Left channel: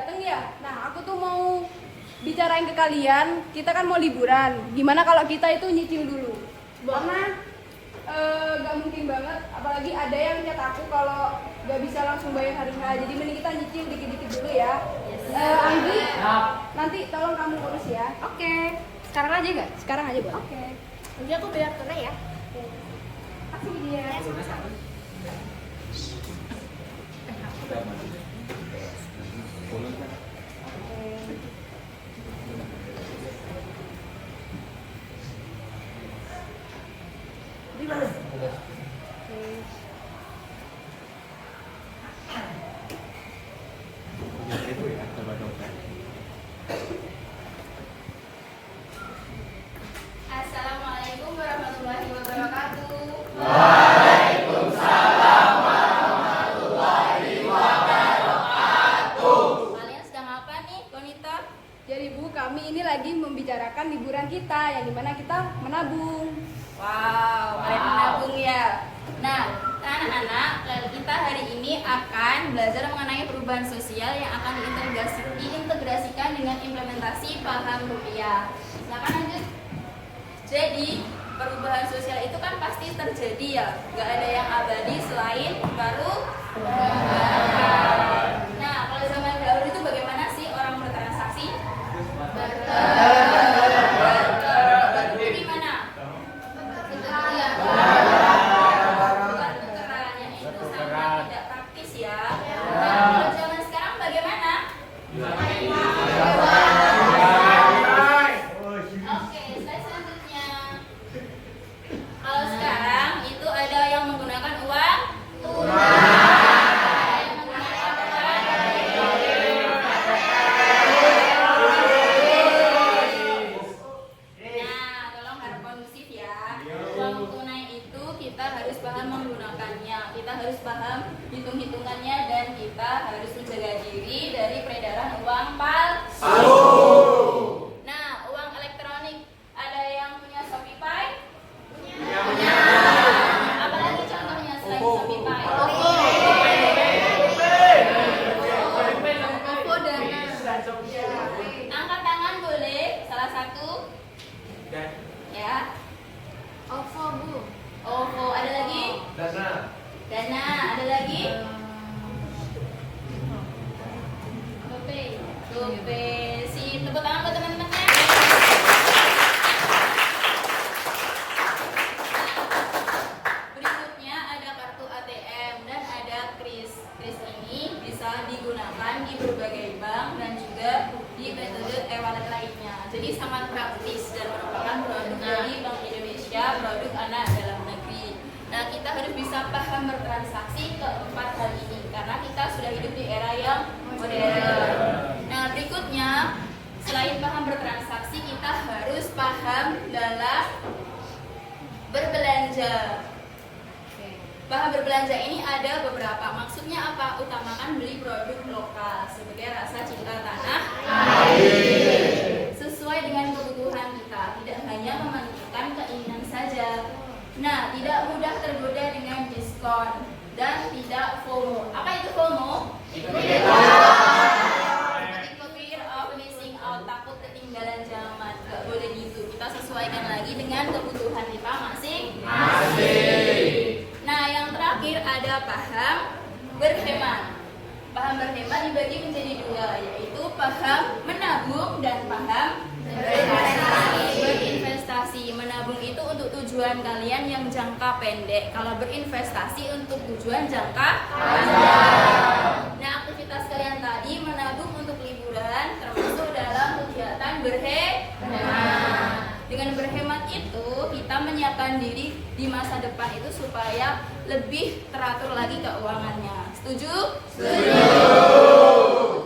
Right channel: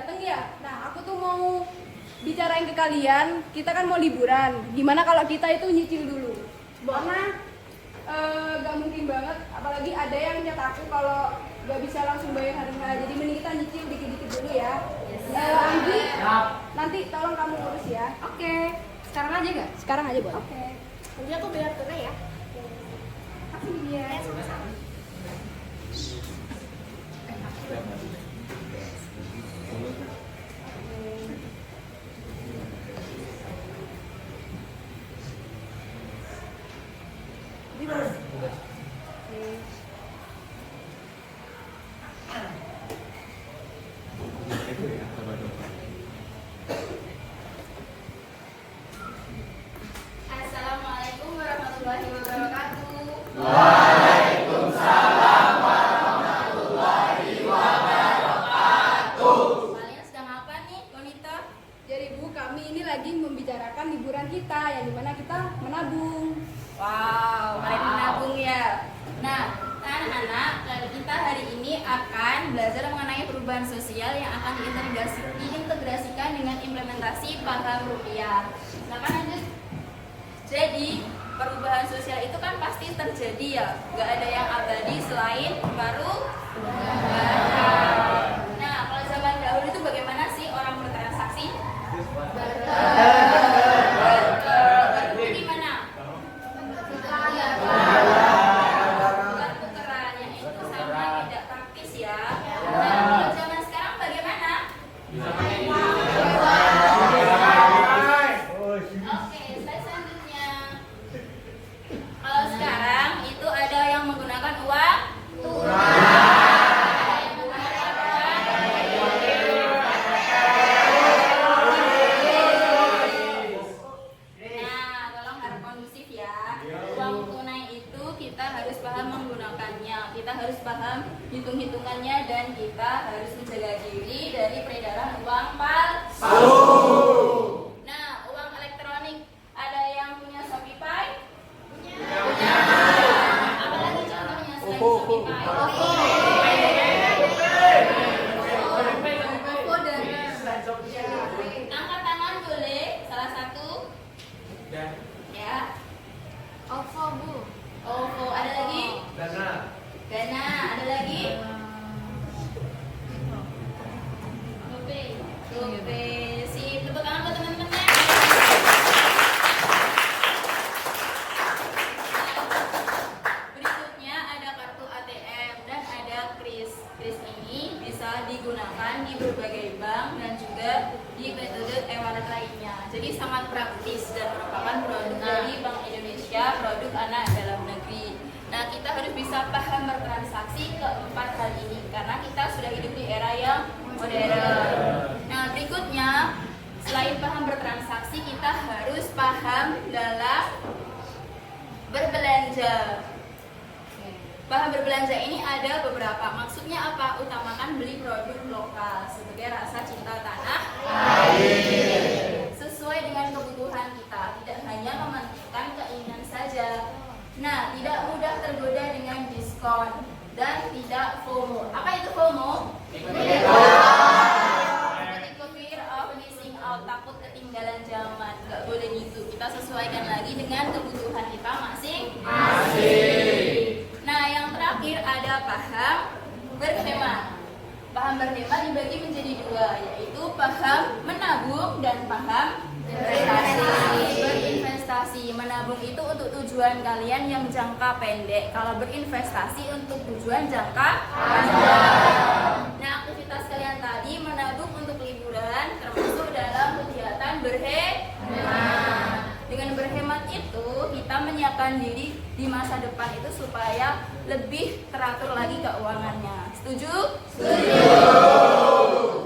datang ya. Nah, aku tuh mau bicarain ke kalian, kita kan mau liburan. Gimana kalau kita itu nyicil dulu? Karena gak mungkin banget, apalagi ada yang nyata aku kalau gak bisa langsung bayar hari H. Jadi mending kita nyicil dikit-dikit dulu ya. Anggi, nanti tolong kamu urus ya. Oke. Sekarang aja gak? Sekarang aja, Bu. Oke. Nanti aku bayar tunai ya. Kasih dia. Ya, sama-sama. Di mana? Itu ya, coba-coba. Assalamualaikum warahmatullahi wabarakatuh. Kalian sedang apa nih, Konita? Jadi Bu, kami ini lagi membicarakan liburan kita yang dimana kita menabung. Wow, kalian menabung ya. Nah, anak-anak, kita hari ini akan belajar mengenai perubahan sosial yang akan diintegrasikan dengan implementasi paham rupiah. Silakan lanjut. Jadi, perubahan sosial itu kan pasti terjadi ya. Gak ada yang abadi selain perubahan. Nah, kalau zaman dahulu itu bagaimana sih orang bertransaksi? Bertukar gimana? Bukan tukerannya itu sama tidak praktis ya. Nah, kalau zaman sekarang bagaimana? Oke, slide selanjutnya. Kalau sekarang itu ada yang menggunakan uang tunai, yang menggunakan Nah, tolong harap kondusif ya. Uang tunai itu kita harus paham menggunakannya, kita harus paham hitung-hitungannya, dan kita harus menjaga diri dari peredaran uang palsu. Nah, uang elektronik, ada yang punya Shopify? Punya. Apalagi contohnya selain Shopify? Info Dana. Angkat tangan boleh, salah satu. Ya. OVO, Bu. OVO, ada lagi? Dana, ada lagi? GoPay. Si tepuk tangan buat teman-temannya. Berikutnya ada kartu ATM dan ada kris. Kris ini bisa digunakan di berbagai bank dan juga di metode e-wallet lainnya. Jadi sangat praktis dan merupakan produk dari Bank Indonesia, produk anak dalam negeri. Nah, kita harus bisa paham bertransaksi keempat hal ini karena kita sudah hidup di era yang modern. Nah, berikutnya selain paham bertransaksi, kita harus paham dalam berbelanja. Paham berbelanja ini ada beberapa. Maksudnya apa? Utamakan beli produk lokal sebagai rasa cinta tanah air. Sesuai dengan kebutuhan kita, tidak hanya mementingkan keinginan saja. Nah, tidak mudah tergoda dengan diskon dan tidak FOMO. Apa itu FOMO? Fear of missing out, takut ketinggalan zaman. Gak boleh gitu. Kita sesuaikan lagi dengan kebutuhan kita masing-masing. Nah, yang terakhir ada paham berhemat. Paham berhemat dibagi menjadi dua, yaitu paham menabung dan paham berinvestasi. Menabung itu untuk tujuan kalian yang jangka pendek. Kalau berinvestasi untuk tujuan jangka panjang. Nah, aktivitas kalian tadi menabung untuk liburan termasuk dalam kegiatan berhemat. Dengan berhemat itu kita menyiapkan diri di masa depan itu supaya lebih teratur lagi keuangannya. Setuju? Setuju.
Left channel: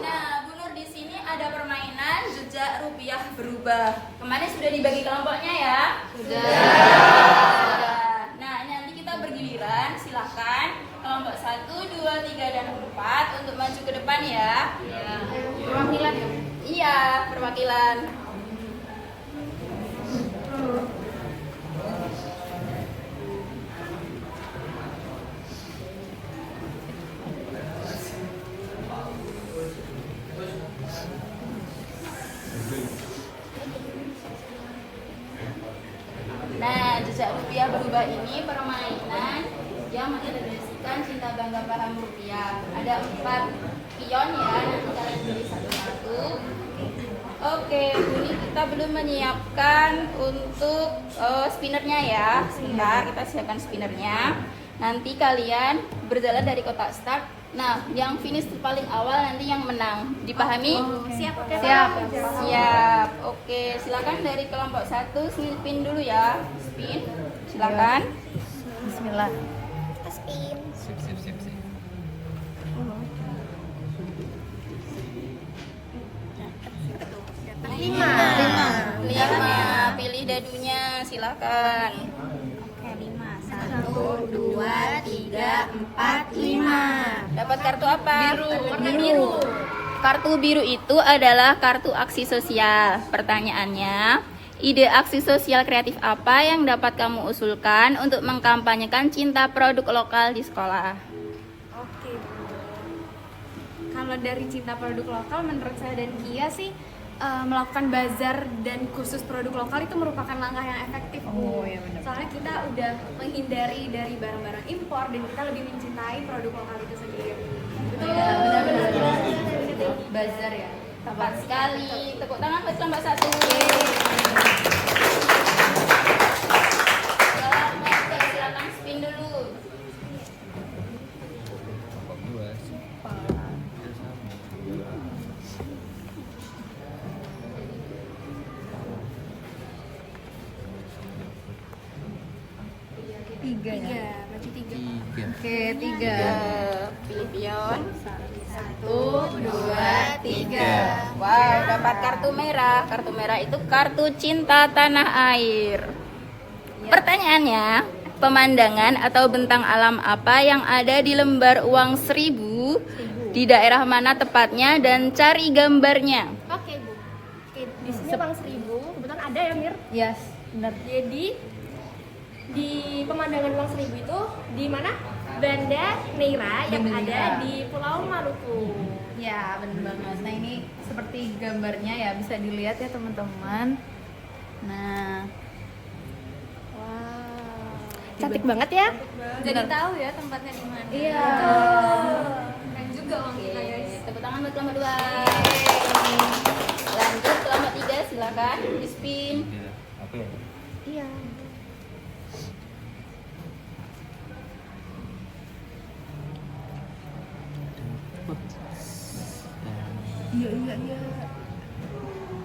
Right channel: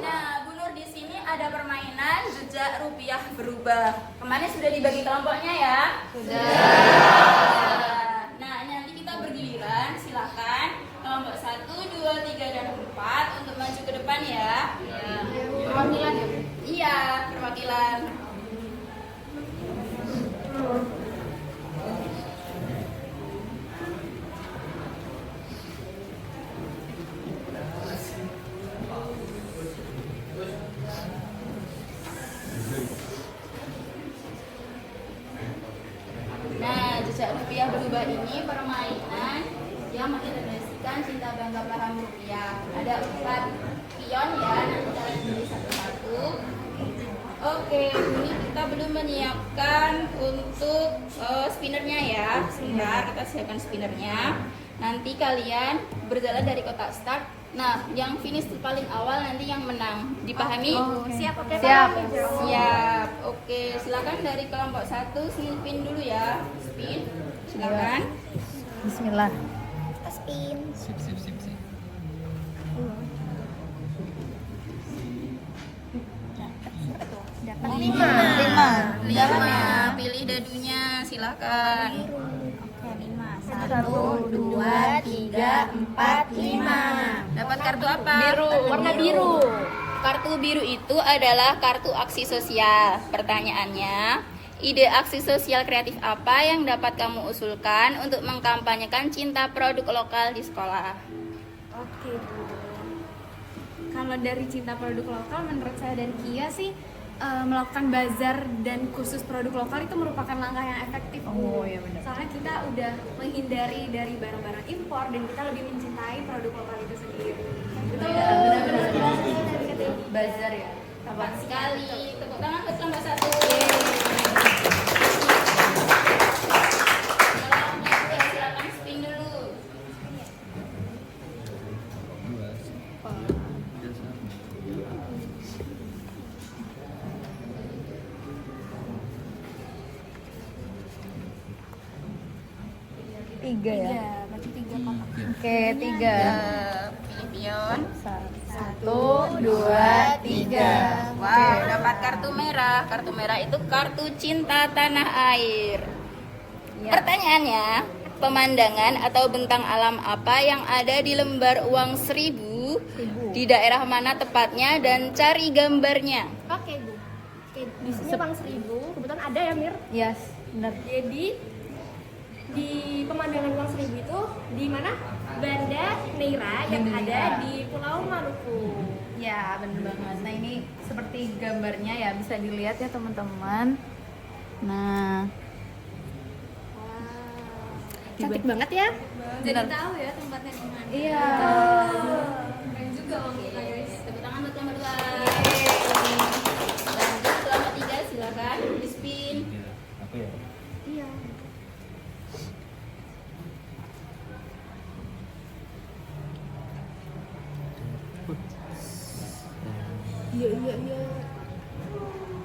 Nah, Bu Nur, di sini ada permainan jejak rupiah berubah. Kemarin sudah dibagi kelompoknya ya? Sudah. Nah, nanti kita bergiliran. Silahkan kelompok 1, 2, 3, dan 4 untuk maju ke depan ya. Perwakilan ya, Bu? Iya, perwakilan. lomba ini permainan yang mengilustrasikan cinta bangga paham rupiah. Ada 4 pion ya, nanti kalian pilih satu-satu. Oke, ini kita belum menyiapkan untuk spinnernya ya. Sebentar, kita siapkan spinnernya. Nanti kalian berjalan dari kotak start. Nah, yang finish paling awal nanti yang menang. Dipahami? Siap, oke. Siap. Oke, silakan dari kelompok 1 spin dulu ya. Spin. Silakan. Bismillah. Spin. Sip, sip, sip, sip. Lima. Lihatnya, pilih dadunya, silakan. Oke, 5. 1, 2, 3, 4, 5. Dapat kartu apa? Biru. Warna biru. Kartu biru itu adalah kartu aksi sosial. Pertanyaannya, ide aksi sosial kreatif apa yang dapat kamu usulkan untuk mengkampanyekan cinta produk lokal di sekolah? Oke, Bu. Kalau dari cinta produk lokal, menurut saya dan Kia sih melakukan bazar dan khusus produk lokal itu merupakan langkah yang efektif, Bu. Oh, iya benar. Soalnya kita udah menghindari dari barang-barang impor dan kita lebih mencintai produk lokal itu sendiri. Betul. Iya, benar-benar. Bazar ya. Tepat sekali. Tepuk tangan buat kelompok 1. Oke, silakan spin dulu. Kelompok 2. Tiga ya. Berarti 3 kotak. Oke, 3. Pilih pion. 1, 2, 3. Wow, dapat kartu merah. Kartu merah itu kartu cinta tanah air. Pertanyaannya, pemandangan atau bentang alam apa yang ada di lembar uang 1000 di daerah mana tepatnya dan cari gambarnya? Oke, Bu. Oke, di sini Bang 1000, kebetulan ada ya, Mir. Yes, benar. Jadi di pemandangan Uang 1000 itu di mana? Banda Neira yang Banda ada Neira. di Pulau Maluku. Ya, benar banget. Nah, ini seperti gambarnya ya, bisa dilihat ya teman-teman. Nah, Cantik banget ya. jadi tahu ya tempatnya di mana. iya. Keren juga uang kita, guys. Tepuk tangan buat kelompok 2. Lanjut kelompok 3, silakan di spin. Tiga. Apa ya? Iya. Iya, iya.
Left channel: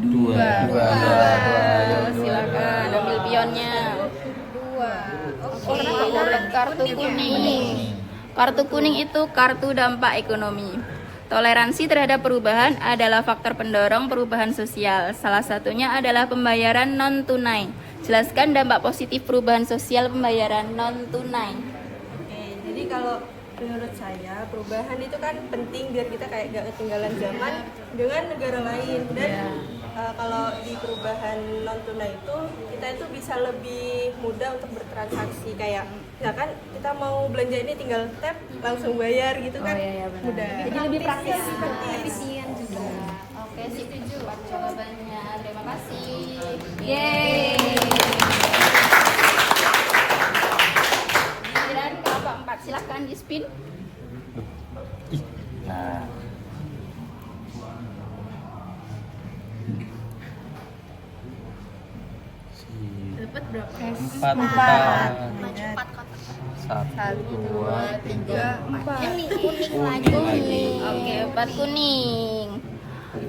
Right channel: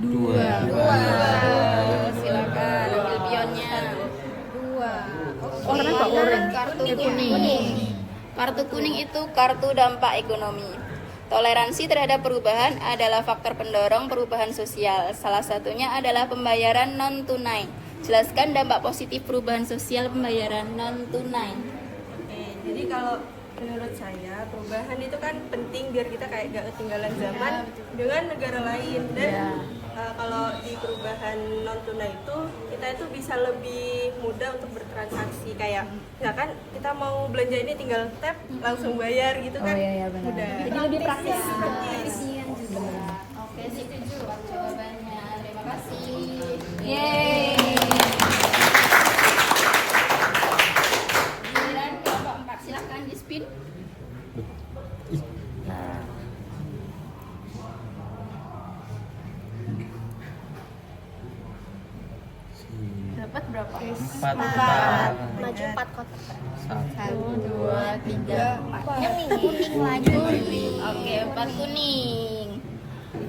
Dua. Silakan ambil pionnya. 2. Oke, kartu kuning. Kartu kuning itu kartu dampak ekonomi. Toleransi terhadap perubahan adalah faktor pendorong perubahan sosial. Salah satunya adalah pembayaran non tunai. Jelaskan dampak positif perubahan sosial pembayaran non tunai. Oke, jadi kalau menurut saya perubahan itu kan penting biar kita kayak gak ketinggalan zaman dengan negara lain dan kalau di perubahan non tunai itu kita itu bisa lebih mudah untuk bertransaksi kayak misalkan kita mau belanja ini tinggal tap langsung bayar gitu kan Iya, benar. mudah. Jadi lebih praktis, Praktis. efisien juga. Oke, setuju jawabannya. Terima kasih. Yeay. Giliran kelompok 4, silahkan di spin. Nah. Dapat berapa? Empat. Maju 4 kotak. 1, 2, 3. Kuning lagi. Oke, 4 kuning.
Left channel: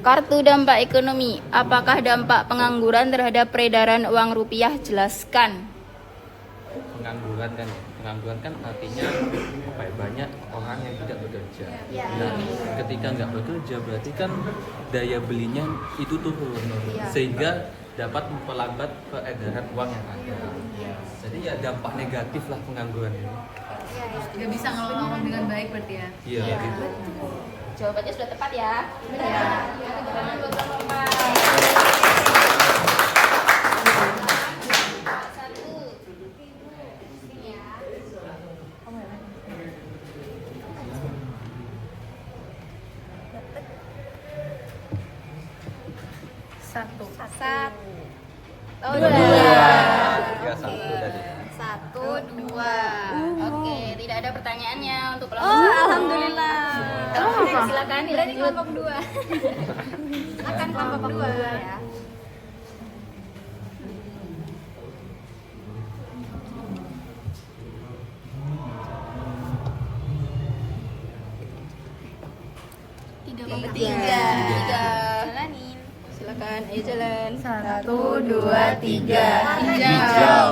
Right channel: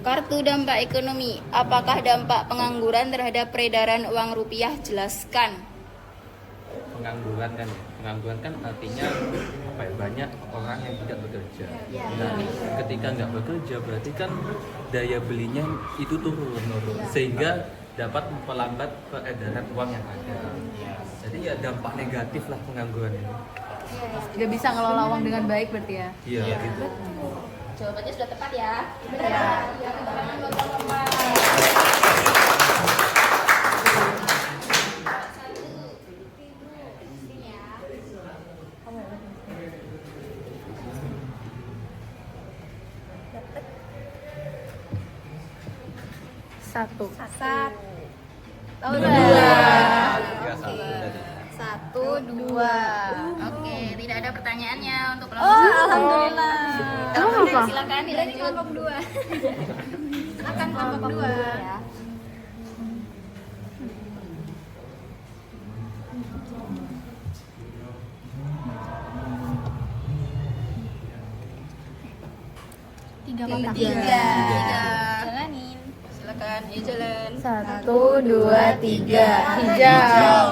Kartu dampak ekonomi. Apakah dampak pengangguran terhadap peredaran uang rupiah? Jelaskan. Pengangguran kan ya. Pengangguran kan artinya apa ya? Banyak orang yang tidak bekerja. Nah, ketika nggak bekerja berarti kan daya belinya itu turun. Sehingga dapat memperlambat peredaran uang yang ada. Jadi ya dampak negatif lah pengangguran ini. Tidak bisa ngelola uang dengan baik berarti ya. Iya gitu. Jawabannya sudah tepat ya. Benar. Tepuk tangan buat kelompok 4. Satu. Ini ya. Satu. Satu. Oh, Dua. Tiga, satu tadi. 1. 2. Oke, tidak ada pertanyaannya untuk Oh, kelompok. alhamdulillah. Silakan Berarti kelompok 2. Akan kelompok 2. Ya. Tiga. Jalanin. Silakan, jalan. 1, 2, 3. Hijau.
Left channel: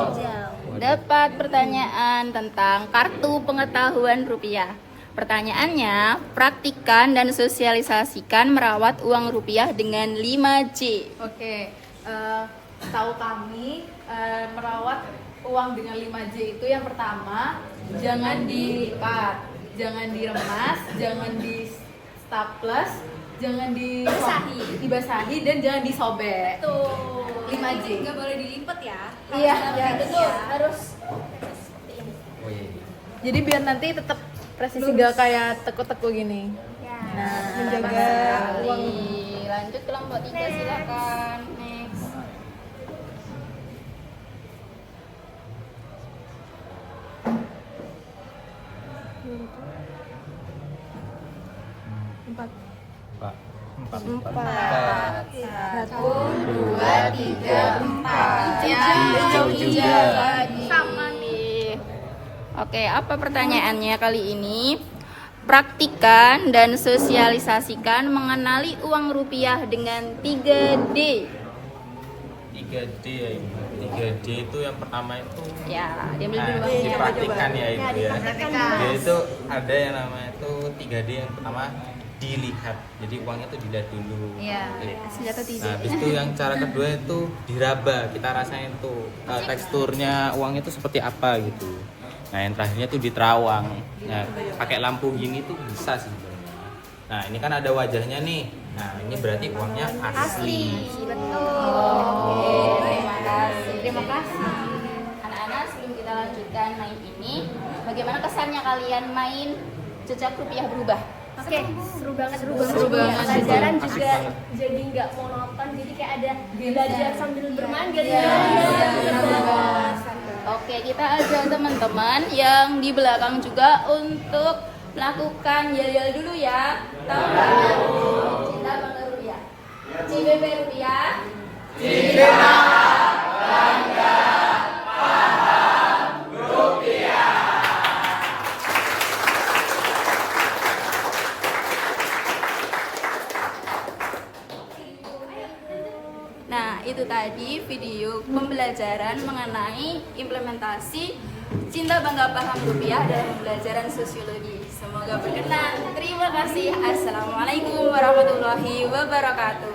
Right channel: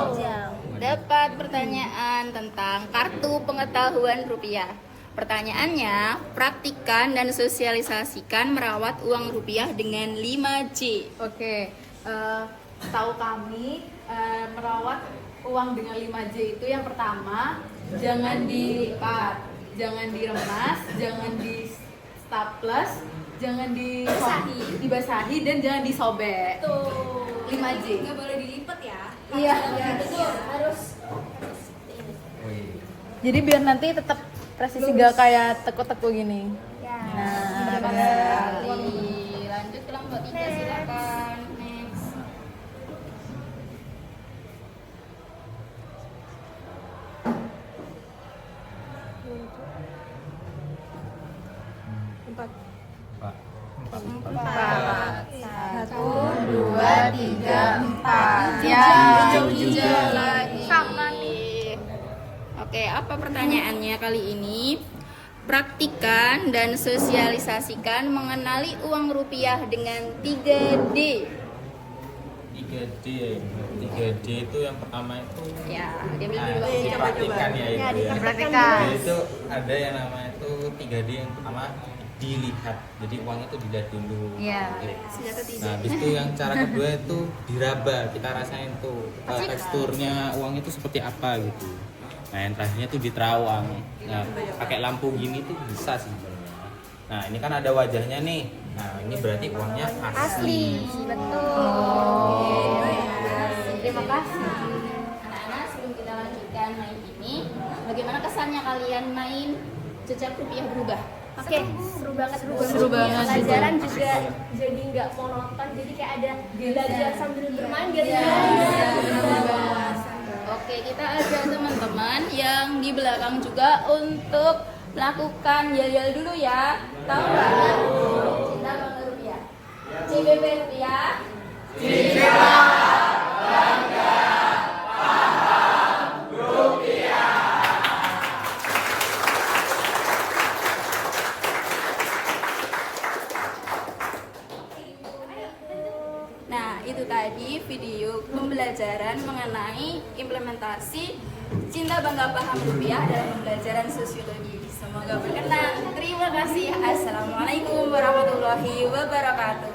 Dapat pertanyaan tentang kartu pengetahuan rupiah. Pertanyaannya, praktikan dan sosialisasikan merawat uang rupiah dengan 5C. Oke, tahu kami merawat uang dengan 5J itu yang pertama, jangan dilipat, jangan diremas, jangan di staples, jangan dibasahi dan jangan disobek. Tuh. 5J. Nggak boleh dilipat ya. Iya, betul. Harus jadi biar nanti tetap presisi gak kayak teko-teko gini. ya. Nah, Menjaga uang. Lanjut kelompok 3, silakan. Next. Empat. Empat. 1, 2, 3, 4. Hijau juga. Sama nih. Oke, apa pertanyaannya kali ini? Praktikan dan sosialisasikan mengenali uang rupiah dengan 3D. 3D ya ini. 3D itu yang pertama itu Ya, diambil nah, dulu. dipraktikkan ya itu ya. dipraktikkan. Jadi itu ada yang namanya itu 3D yang pertama dilihat. Jadi uangnya itu dilihat dulu. Iya. Senjata Nah, tidak. habis itu yang cara kedua itu diraba. Kita rasain tuh teksturnya uangnya itu seperti apa gitu. Nah, yang terakhirnya tuh diterawang. Nah, pakai lampu gini tuh bisa sih sebenarnya. Nah, ini kan ada wajahnya nih. Nah, ini berarti uangnya asli. Terima kasih. Anak-anak, sebelum kita lanjutkan main ini, bagaimana kesannya kalian main jejak rupiah berubah? Oke, seru banget. Seru banget. Pelajaran juga jadi nggak monoton, jadi kayak ada belajar sambil bermain gitu. Oke, kita ada teman-teman yang di belakang juga untuk melakukan yel-yel dulu ya. Tahu nggak? Cinta bangga rupiah. CBP rupiah. Nah, itu tadi video pembelajaran mengenai implementasi cinta bangga paham rupiah dalam pembelajaran sosiologi. Semoga berkenan. Terima kasih. Assalamualaikum warahmatullahi wabarakatuh.